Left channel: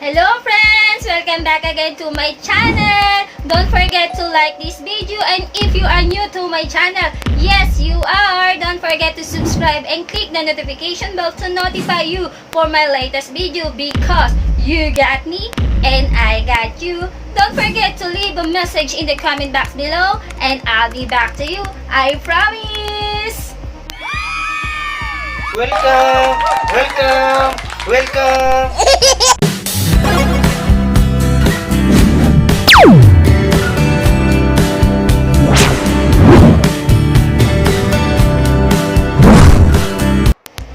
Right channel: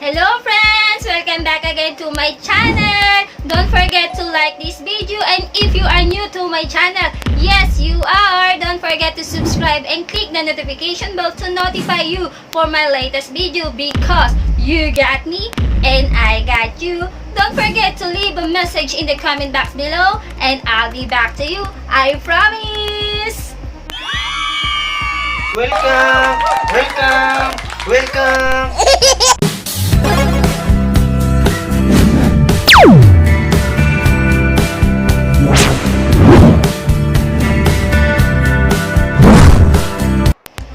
Hello friends! Welcome back again to my channel! Don't forget to like this video, and if you are new to my channel, yes you are! Don't forget to subscribe and click the notification bell to notify you for my latest video because you got me and I got you. Don't forget to leave a message in the comment box below and I'll be back to you. I promise! Welcome! Welcome! Welcome!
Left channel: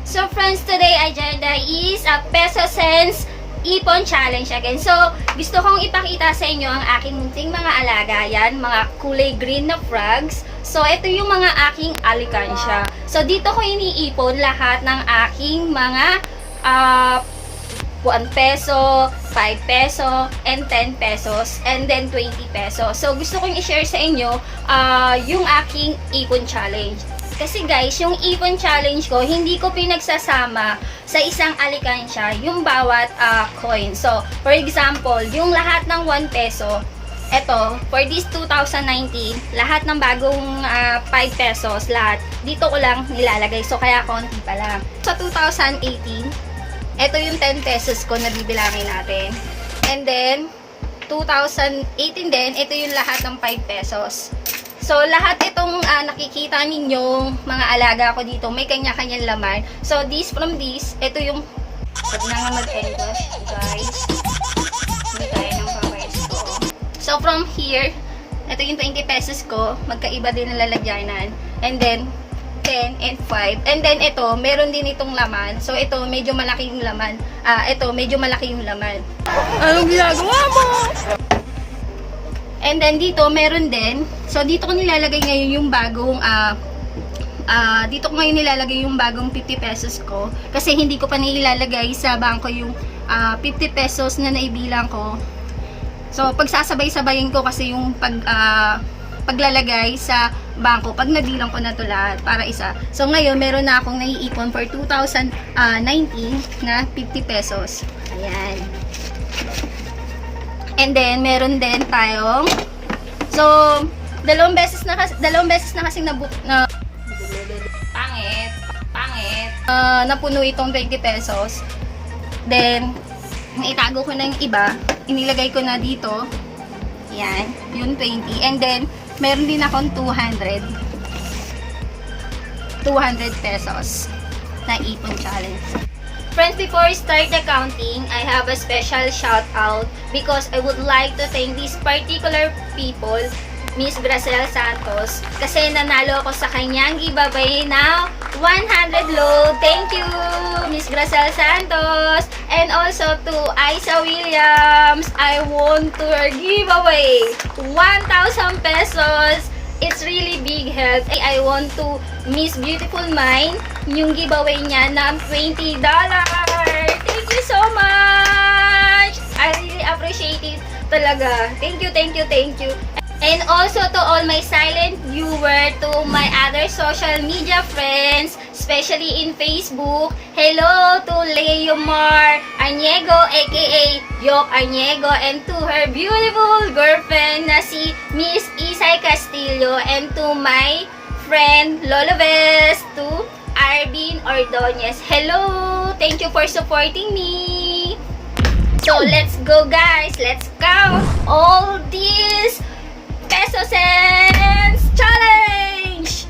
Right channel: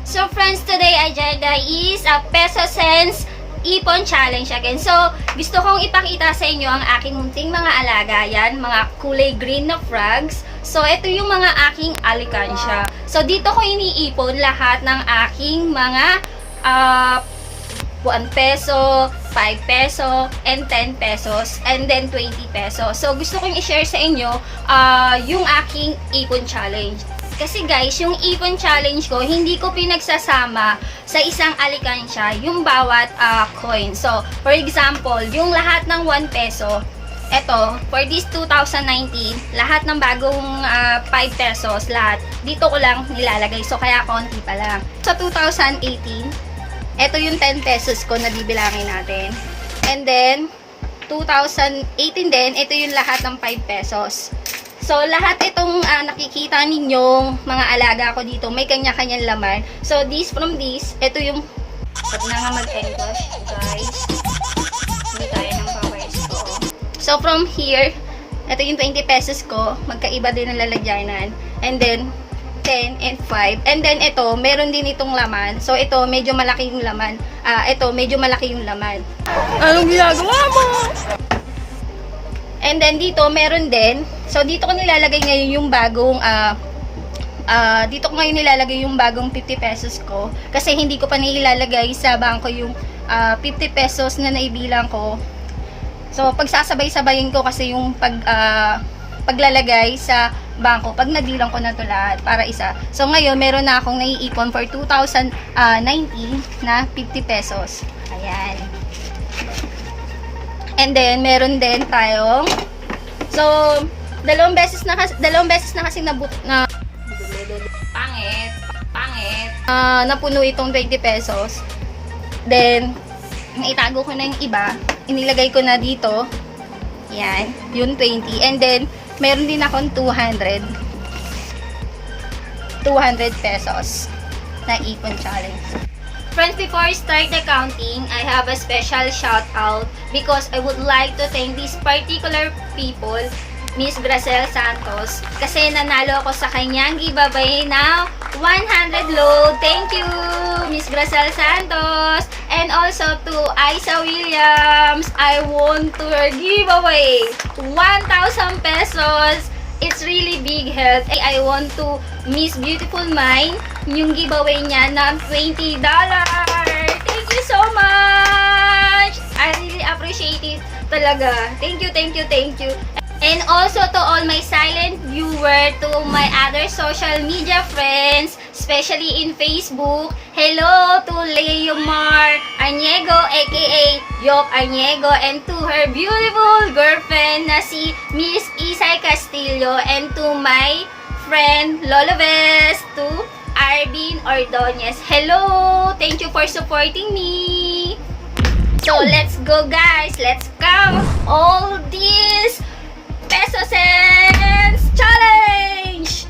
So friends, today agenda is a peso cents ipon challenge again. So, gusto kong ipakita sa inyo ang aking munting mga alaga. Yan, mga kulay green na frogs. So, ito yung mga aking alikansya. So, dito ko iniipon lahat ng aking mga 1 peso, 5 peso, and 10 pesos, and then 20 pesos. So, gusto kong i-share sa inyo yung aking ipon challenge. Kasi guys, yung ipon challenge ko, hindi ko pinagsasama sa isang alikansya yung bawat coin. So, for example, yung lahat ng 1 peso, eto, for this 2019, lahat ng bagong 5 pesos, lahat, dito ko lang nilalagay. So, kaya konti pa lang. Sa 2018, eto yung 10 pesos ko na bibilangin natin. And then, 2018 din, ito yung lahat ng 5 pesos. So, lahat itong nakikita ninyong mga alaga ko dito, may kanya-kanyang laman. So, this from this, ito yung, huwag na nga mag-english, guys. Hindi tayo ng powers ko. So, from here, ito yung 20 pesos ko, magkaiba din ang lalagyanan. And then, 10 and 5. And then, ito, meron din itong laman. So, ito, medyo malaki yung laman. Ito, medyo malaki yung laman. Anong ginagawa mo? And then dito meron din. So dito ko nilalagay ngayon yung bagong dito ko ngayon nilalagay yung bagong 50 pesos ko kasi hindi ko pa nilalagay sa bangko yung 50 pesos na naibilang ko. So pagsasabay-sabayin ko kasi yung paglalagay sa bangko pag nabilang ko na to lahat para isa. So ngayon meron na akong naiipon for 2019 na 50 pesos. Ayan. And then, meron din tayong, so, dalawang beses na kasi napuno itong 20 pesos. Then, naitago ko na yung iba, inilagay ko na dito, yan, yung 20. And then, meron din akong 200 pesos na ipon challenge. Friends, before I start the counting, I have a special shout out because I would like to thank these particular people, Miss Gracel Santos, kasi nanalo ako sa kanyang giveaway na 100 load. Thank you, Miss Gracel Santos. And also to Isa Williams, I won to her giveaway 1,000 pesos. It's really big help. I want to Miss Beautiful Mind, yung giveaway niya ng $20. Thank you so much! I really appreciate it talaga. Thank you, thank you, thank you. And also to all my silent viewer, to my other social media friends, especially in Facebook, hello to Leomar Arniego aka Yok Arniego, and to her beautiful girlfriend na si Miss Isay Castillo, and to my friend Lolo Ves, to Arvin Ordonez. Hello! Thank you for supporting me! So let's go guys! Let's count all these peso cents challenge!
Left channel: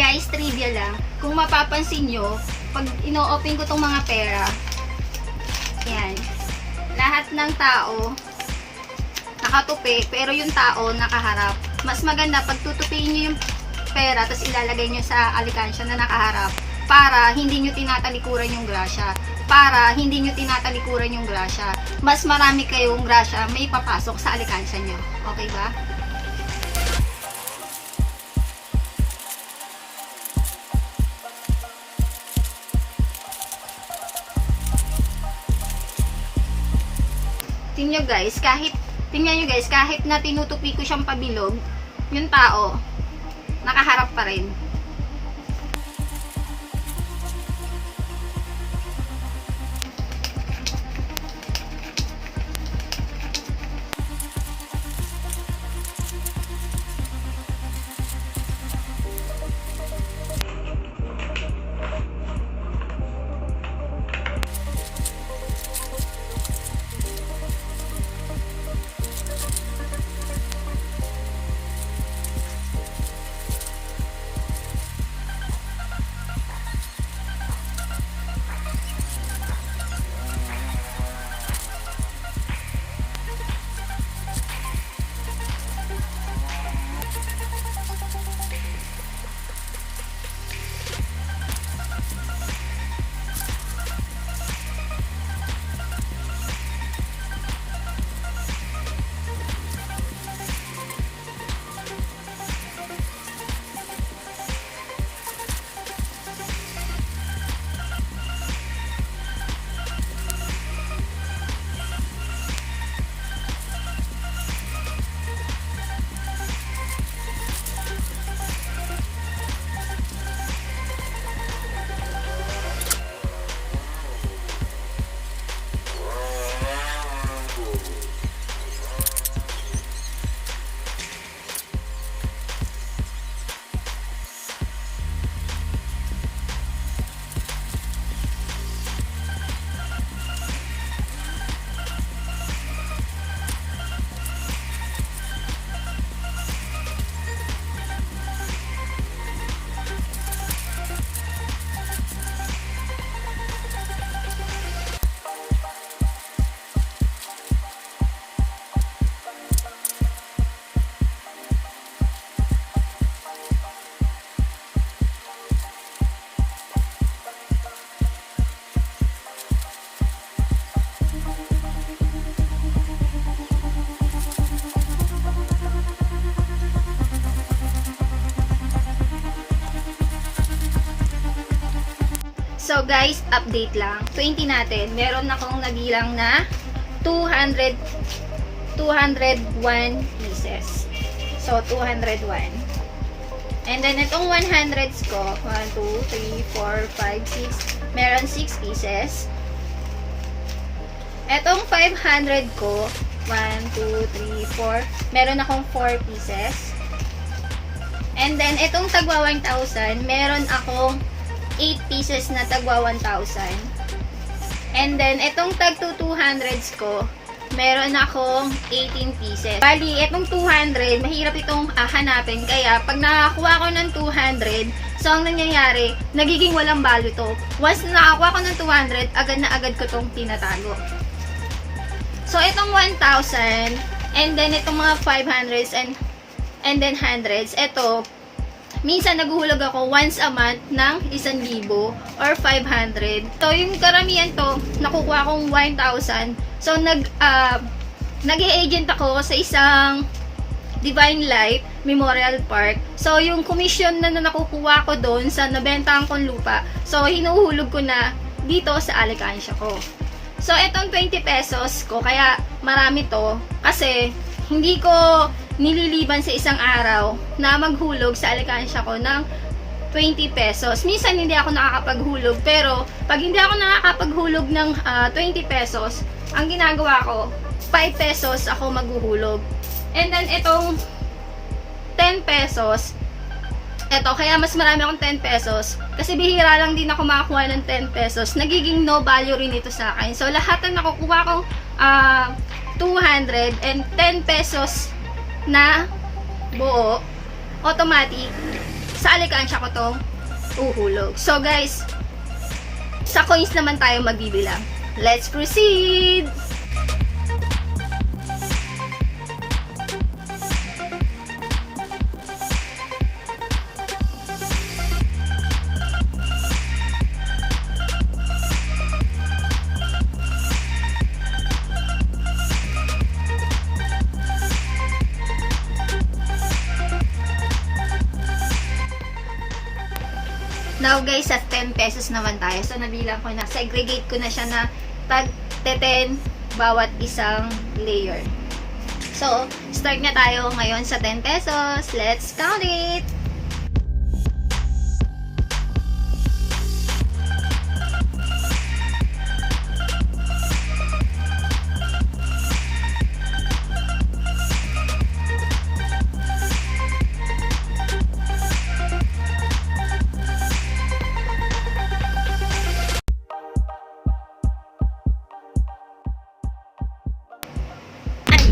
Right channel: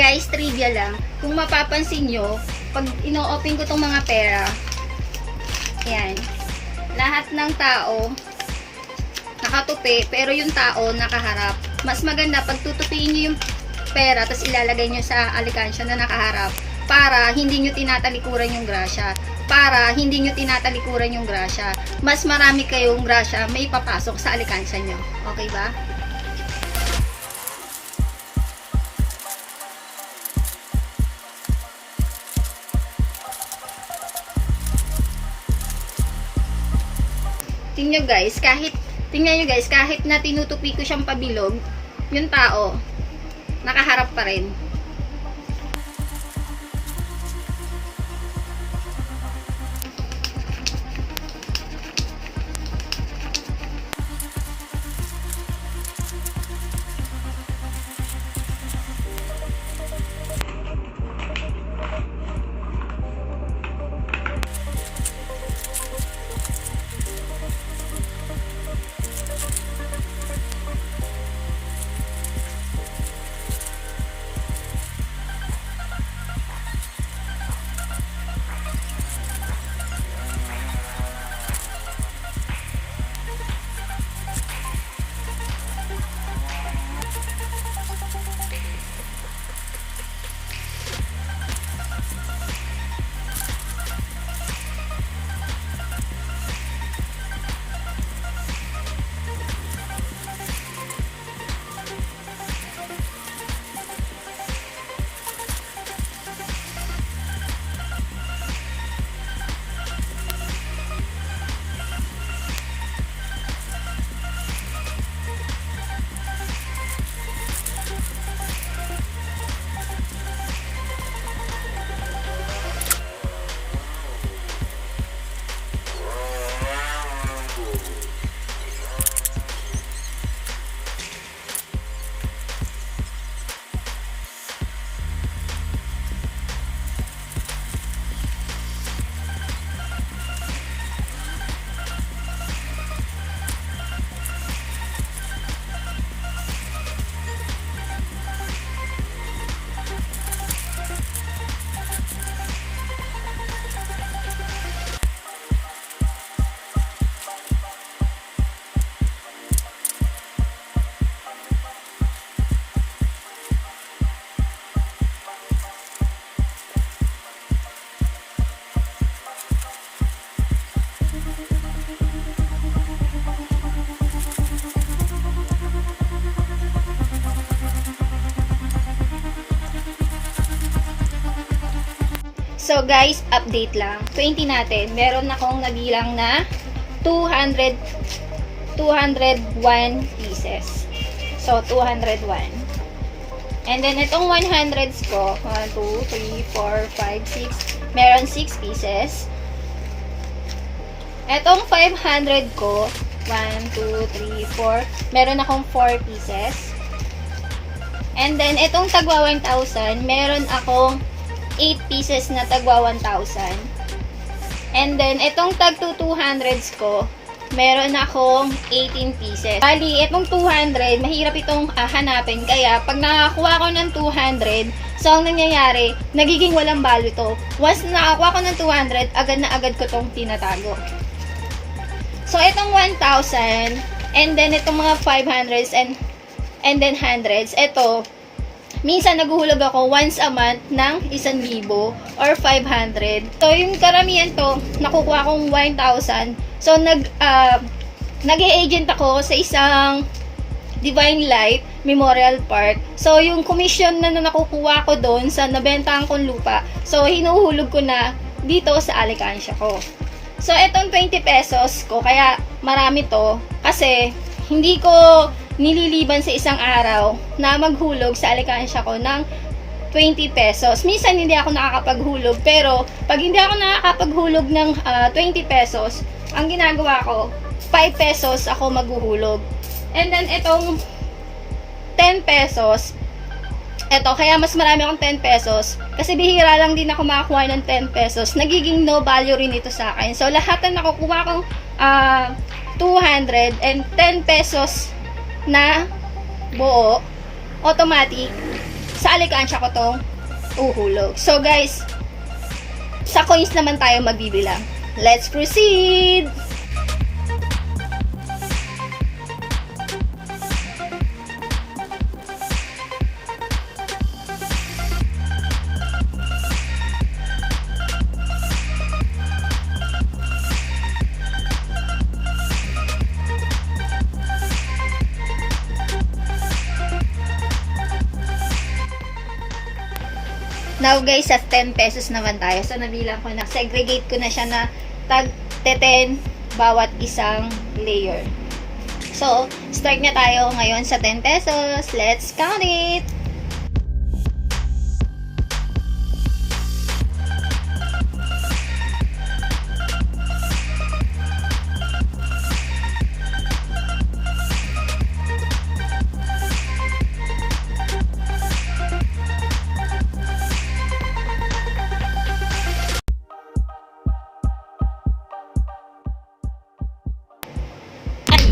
Guys, trivia lang. Kung mapapansin nyo, pag ino-open ko tong mga pera, yan, lahat ng tao nakatupi, pero yung tao nakaharap. mas maganda pag tutupiin nyo yung pera tapos ilalagay nyo sa alikansya na nakaharap para hindi nyo tinatalikuran yung grasya. Mas marami kayong grasya may papasok sa alikansya nyo. Okay ba? Tingnan nyo guys, kahit na tinutupi ko siyang pabilog, yung tao, nakaharap pa rin. So guys, update lang. 20 natin. Meron akong nabilang na 201 pieces. So 201. And then itong 100s ko, 1, 2, 3, 4, 5, 6. Meron 6 pieces. Itong 500 ko, 1, 2, 3, 4. Meron akong 4 pieces. And then itong tagwa 1,000, meron akong 8 pieces na tagwa 1,000. And then, itong tag 200s ko, meron akong 18 pieces. Bali, itong 200, mahirap itong hanapin. Kaya, pag nakakuha ko ng 200, so ang nangyayari, nagiging walang balo to. Once na nakakuha ko ng 200, agad na agad ko itong tinatago. So, itong 1,000, and then itong mga 500s and then 100s, ito, minsan naghuhulog ako once a month ng 1,000 or 500. So, yung karamihan to, nakukuha kong 1,000. So, nag-e-agent ako sa isang Divine Light Memorial Park. So, yung commission na nakukuha ko doon sa nabentahan kong lupa, so, hinuhulog ko na dito sa alikansya ko. So, etong 20 pesos ko, kaya marami to, kasi hindi ko nililiban sa isang araw na maghulog sa alikansya ko ng 20 pesos. Minsan hindi ako nakakapaghulog, pero pag hindi ako nakakapaghulog ng 20 pesos, ang ginagawa ko, 5 pesos ako maghuhulog. And then itong 10 pesos, eto, kaya mas marami akong 10 pesos, kasi bihira lang din ako makakuha ng 10 pesos, nagiging no value rin ito sa akin. So, lahat ng nakukuha kong 200 and 10 pesos na buo, automatic, sa alikansya ko to uhulog. So guys, sa coins naman tayo magbibilang. Let's proceed! Now guys, sa 10 pesos naman tayo. So nabilang ko na, segregate ko na siya na tag 10 bawat isang layer. So, start na tayo ngayon sa 10 pesos. Let's count it!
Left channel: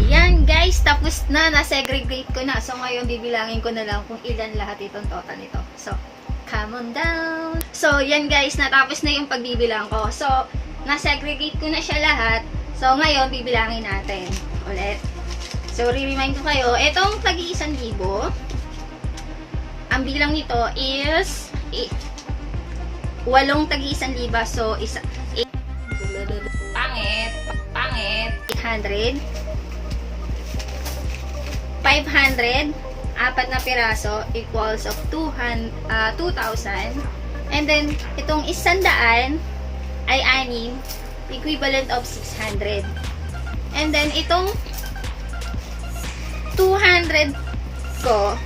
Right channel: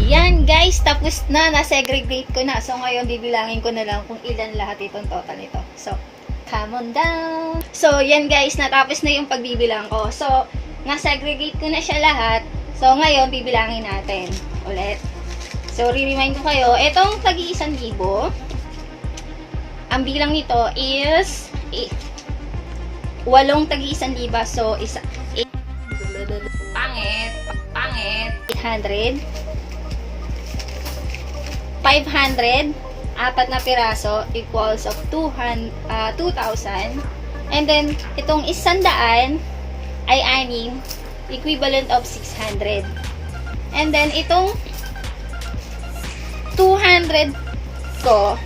Ayan guys, tapos na, na-segregate ko na. So ngayon bibilangin ko na lang kung ilan lahat itong total nito. So, come on down. So yan guys, natapos na yung pagbibilang ko. So, na-segregate ko na siya lahat. So ngayon bibilangin natin ulit. So re-remind ko kayo, itong tag-1,000, ang bilang nito is 8 tag-1,000. So, pangit, 800. 500, apat na piraso equals of 2,000. And then, itong 100 ay 6, equivalent of 600. And then, itong 200 ko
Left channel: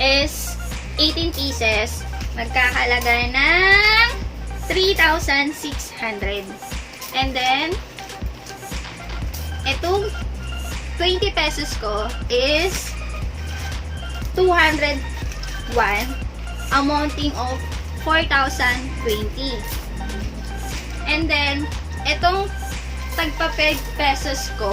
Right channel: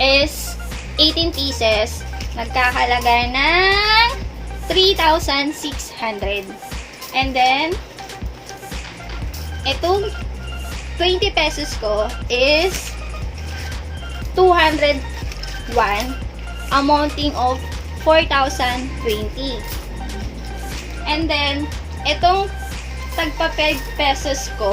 is 18 pieces. Magkakalaga ng 3,600. And then, itong 20 pesos ko is 201, amounting of 4,020. And then, itong tagpa 5 pesos ko,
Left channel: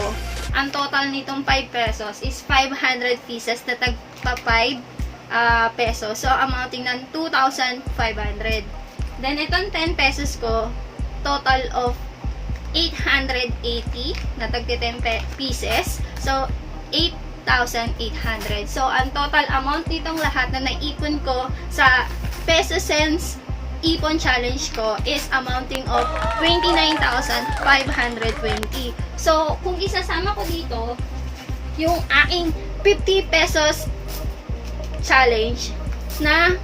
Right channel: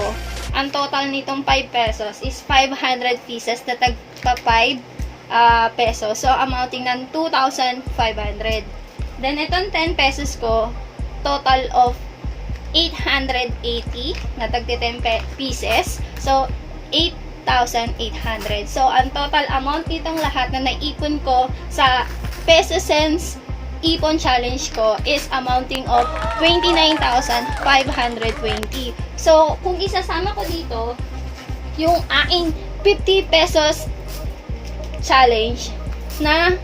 ang total nitong 5 pesos is 500 pieces na tagpa 5 pesos. So, amounting ng 2,500. Then, itong 10 pesos ko, total of 880 na tagti 10 pieces. So, 8,800. So, ang total amount nitong lahat na naipon ko sa Peso Cents Ipon Challenge ko is amounting of 29,520. So, kung isasama ko dito, yung aking 50 pesos challenge na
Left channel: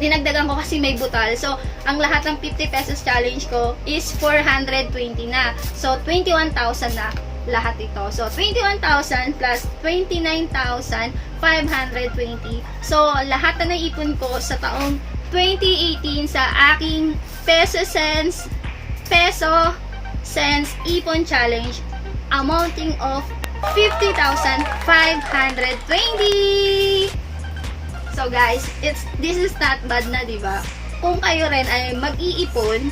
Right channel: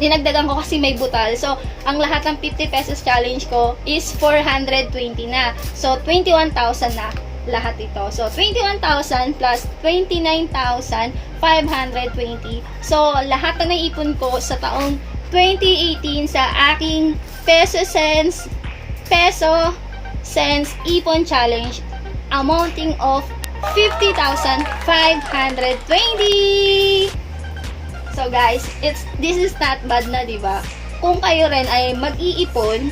dinagdagan ko kasi may butal. So, ang lahat ng 50 pesos challenge ko is 420 na. So, 21,000 na lahat ito. So, 21,000 plus 29,520. So, lahat na naipon ko sa taong 2018 sa aking Peso Cents Ipon Challenge amounting of 50,520. So guys, this is not bad na, di ba? Kung kayo rin ay mag-iipon,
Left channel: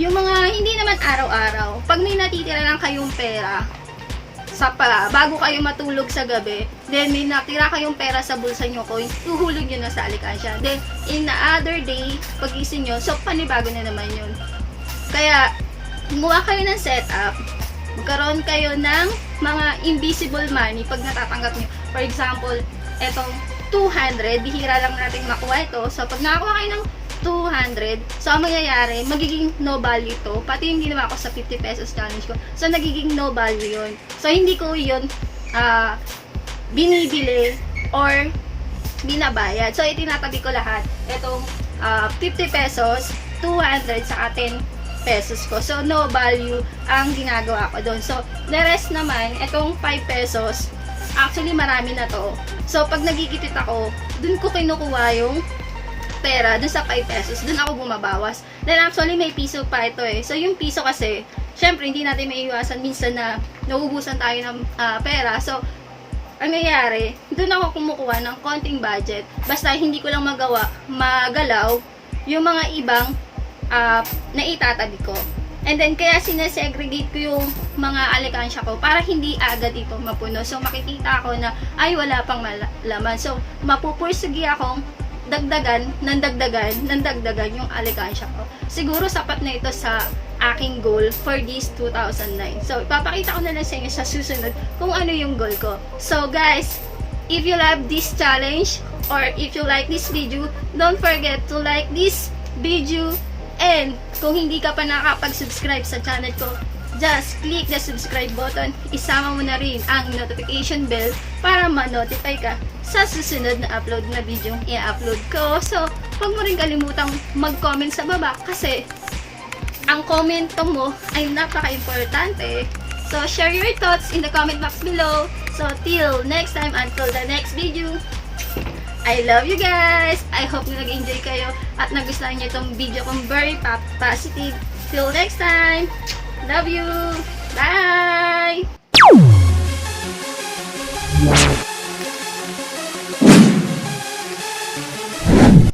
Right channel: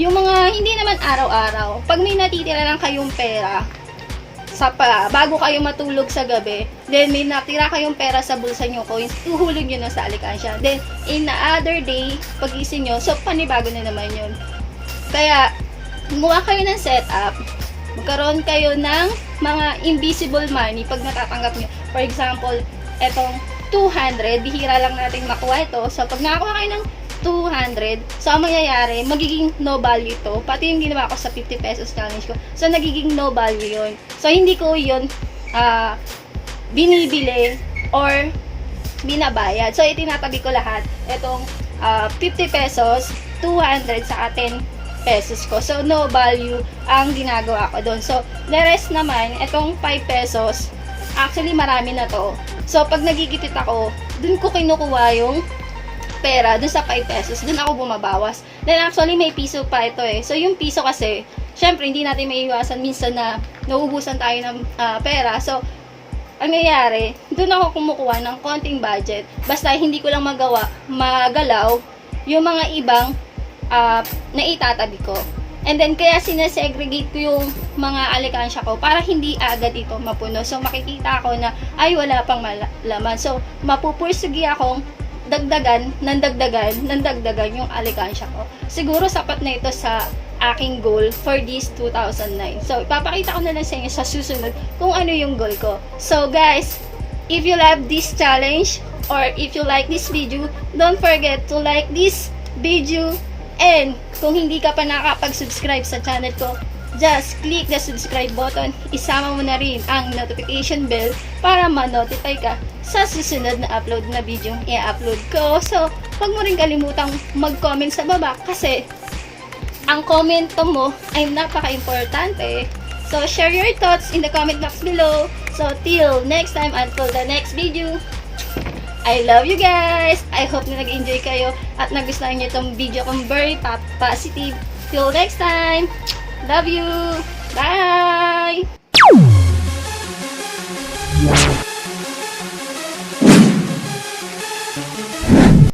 yung mga hindi naman araw-araw, pag may natitira lang kayong pera, bago kayo matulog sa gabi, then may natira kayong pera sa bulsa nyo, coins, tuhulog nyo na sa alikansya. Then, in the other day, pagising nyo, so panibago na naman yun. Kaya, gumawa kayo ng setup, magkaroon kayo ng mga invisible money pag natatanggap nyo. For example, etong 200, bihira lang natin makuha ito. So, pag nakakuha kayo ng 200, so, ang mangyayari, magiging no value ito. Pati yung ginawa ko sa 50 pesos challenge ko. So, nagiging no value yun. So, hindi ko yun binibili or binabayad. So, itinatabi ko lahat. Itong 50 pesos, 200 sa 10 pesos ko. So, no value ang ginagawa ko doon. So, the rest naman, itong 5 pesos, actually, marami na to. So, pag nagigipit ako, dun ko kinukuha yung pera, dun sa 5 pesos, dun ako bumabawas. Then, actually, may piso pa ito eh. So, yung piso kasi, syempre, hindi natin maiiwasan minsan na nauubusan tayo ng pera. So, ang nangyayari, dun ako kumukuha ng konting budget. Basta, hindi ko lang magalaw yung mga ibang na itatabi ko. And then, kaya sinasegregate ko yung mga alikansya ko para hindi agad ito mapuno. So, makikita ako na, ay, wala pang laman. So, mapupursugi akong dagdagan yung alikansya ko. Siguro, sapat na ito sa aking goal for this 2009. So, ipapakita ko na lang sa inyo sa susunod kung ano yung goal ko. So, guys, if you love this challenge or if you like this video, don't forget to like this video. And kung hindi ka pa nakakapag-subscribe sa channel ko, just click the subscribe button. Isama mo na rin ang notification bell para ma-notify ka sa susunod na upload na video i-upload ko. So, huwag mo rin kalimutang mag-comment sa baba kasi ang komento mo ay napaka-importante. So, share your thoughts in the comment box below. So, till next time, until the next video, I love you guys! I hope na nag-enjoy kayo at nagustuhan niyo itong video kong very positive. Till next time! Love you! Bye!